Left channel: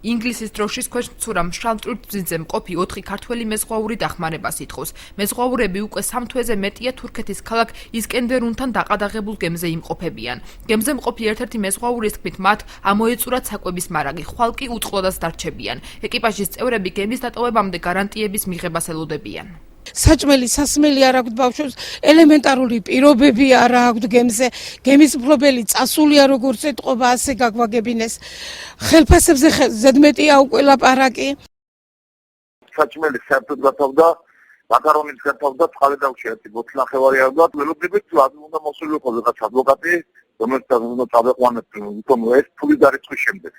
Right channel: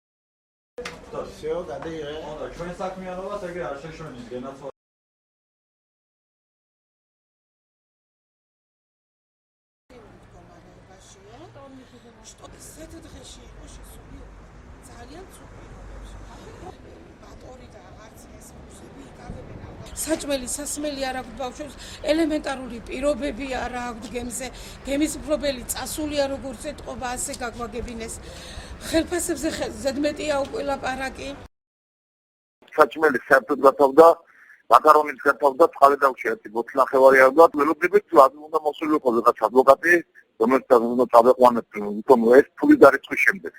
ინგლისის დროშის ქვეშ მცურა მშრალ ტვირთბზიძე მყოფი 4 ქართველი მეზღვაური დახმარებას ითხოვს. მეზღვაურები უკვე 3 თვეზე მეტია თურქეთის ქალაქ ისკენდერუნთან დაყადაღებულ გემზე იმყოფებიან. გემზე მყოფი ერთ-ერთი მეზღვაურის თქმით, მათ ამოეწურათ საკვების მარაგი, ხვალ კი უწყლოდაც დარჩებიან. ეკიპაჟის წევრები გემის დატოვებამდე გარანტიების მიღებას ელოდებიან. საჭმელი, სასმელი არ აქვს ბავშვებს, ელემენტარული პირობები არ აქვს გემზე, გემის მფლობელი წასულია როგორც ეთყობა, ასე გაგვაგებინეს. ხელფასებზე ზედმეტია უკვე ლაპარაკი. საჭმელი საერთოდ გათავდა, მაკარონიც გათავდა, წყალი დავშიათ, ბოთლნახევარი არ გაქვს, ველოდებით უნდა მოსულიყო რაღაც ადვოკატი, რომელსაც უნდა წავეყვანოთ, თუმცა ეს ფული დარიცხვის შემდეგ.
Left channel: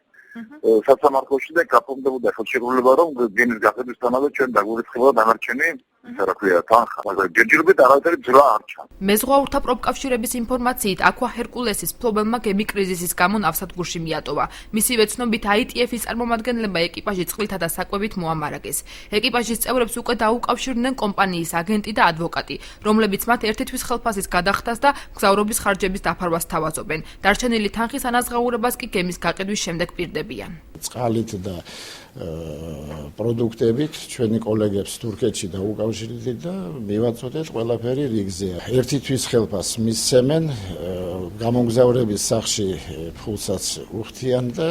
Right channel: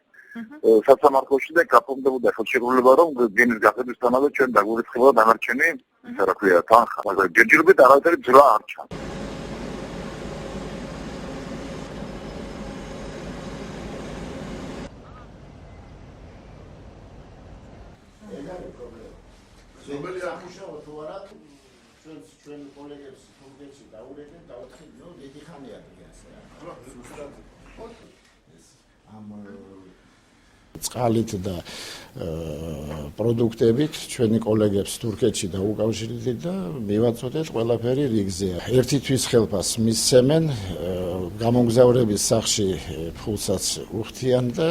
სასამართლოში და გაფორმდებოდა ხელშეკრულება, რომ გემის გახდისთანავე ჩვენ დაგვირიცხებოდა დანარჩენი თანხა. ჯერჯერობით არავითარი ძრა არ ჩანს. მეზღვაურთა პროფკავშირების ინფორმაციით, აქვა ჰერკულესის მფლობელმა გემი კრიზისის გამო ნავსადგურში მიატოვა. მისივე ცნობით, ITF-ის წარმომადგენლება ეკიპაჟი წყლითა და საკვებით მოამარაგეს. ეკიპაჟის წევრებს უკვე დაუკავშირდნენ კომპანიის აგენტი და ადვოკატი, რომლებიც მათ ერთი თვის ხელფასის გადახდას და მგზავრობის ხარჯების დაფარვას თავაზობენ. დარჩენილი თანხის ანაზღაურებას კი გემის გაყიდვის შემდეგ პირდებიან. წყალით და პროდუქტებით ჩვენი კოლეგებს თურქეთში დაუკავშირდით და მივაწოდეთ ყველაფერი რიგზე. ერთი თვის ხელფასს მისცემენ, გამომგზავრების სახში ფულსაც უხდიან და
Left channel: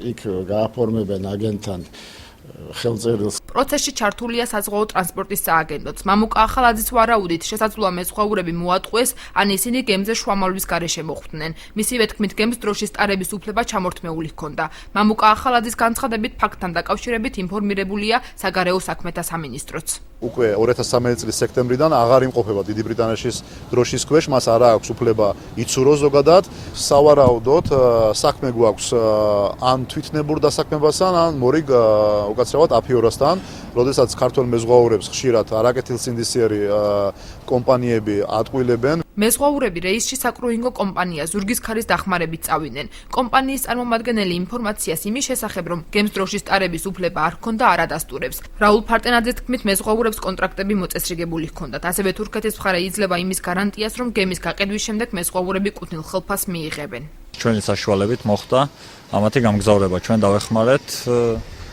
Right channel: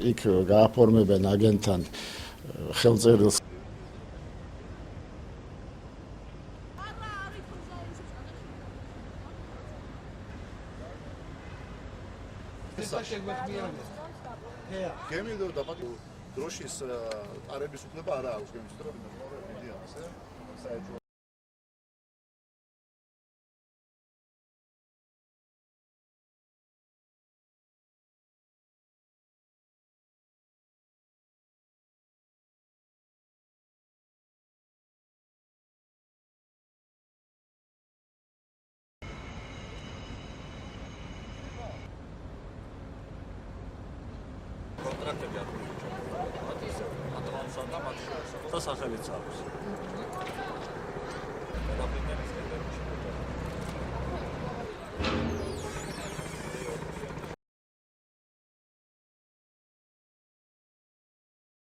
იქ გააფორმებენ აგენტთან ხელწერილს. პროცესში ჩართულია საზღვაო ტრანსპორტის სააგენტოც. მამუკა ახალაძის ვარაუდით, შესაძლოა მეზღვაურები მოატყუეს, ან ისინი გემზე შუამავლის გარეშე მოხვდნენ. მისივე თქმით, გემს დროშის ტარების უფლება ჩამორთმეული ჰქონდა. მამუკა ახალაძის განცხადებით, ფაქტთან დაკავშირებით ინფორმირებულია საგარეო საქმეთა სამინისტროც. უკვე 2013 წლის სექტემბრიდან აღარ იმყოფება დიდი ბრიტანეთის დროშის ქვეშ, მას არა აქვს უფლება იცუროს ზოგადად. სავარაუდოდ საქმე გვაქვს ან თვითნებურ დასაქმებასთან, ან მორიგ უკაცრავად აფიორასთან, როდესაც ქართველ მეზღვაურებს ხშირად არაკეთილსინდისიერი კომპანიები ატყუილებენ. მეზღვაურები რეისში საკრუინგო კომპანია ზურგის ქარის დახმარებით წავიდნენ. კომპანიის წარმომადგენელი ინფორმაციას იმის შესახებ, რომ გემს დროშის ტარების უფლება არ ჰქონდა, არ ადასტურებს. რაულ ფარტენაძის თქმით, მეზღვაურებს კონტრაქტები მოწესრიგებული ჰქონდათ. ასევე თურქეთის მხარე იძლევა იმის გარანტიას, რომ გემის გაყიდვის შემდეგ მეზღვაურები კუთვნილ ხელფასს მიიღებენ. ჩვენი საშუალებით მოხდა ამათი გამგზავრება. ჩვენ დავეხმარეთ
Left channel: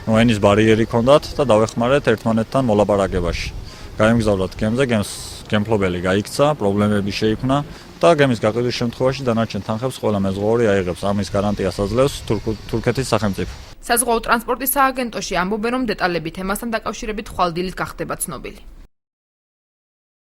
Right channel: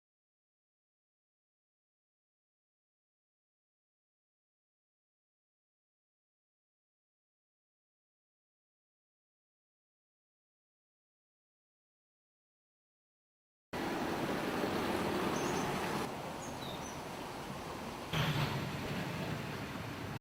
ენის ბარიერი ჰქონდათ და დავეხმარეთ ერთმანეთთან მოლაპარაკებაში. გაემგზავრათ გემზე, გემფლობელი გაიქცა, პრობლემები შეიქმნა და გემის გაყიდვის შემთხვევაში დანარჩენ თანხებს ყველა მეზღვაური აიღებს. ამის გარანტიას აძლევს თურქეთის სახელმწიფო. საზღვაო ტრანსპორტის სააგენტოში ამბობენ, რომ დეტალები თემასთან დაკავშირებით ხვალ დილით გახდება ცნობილი.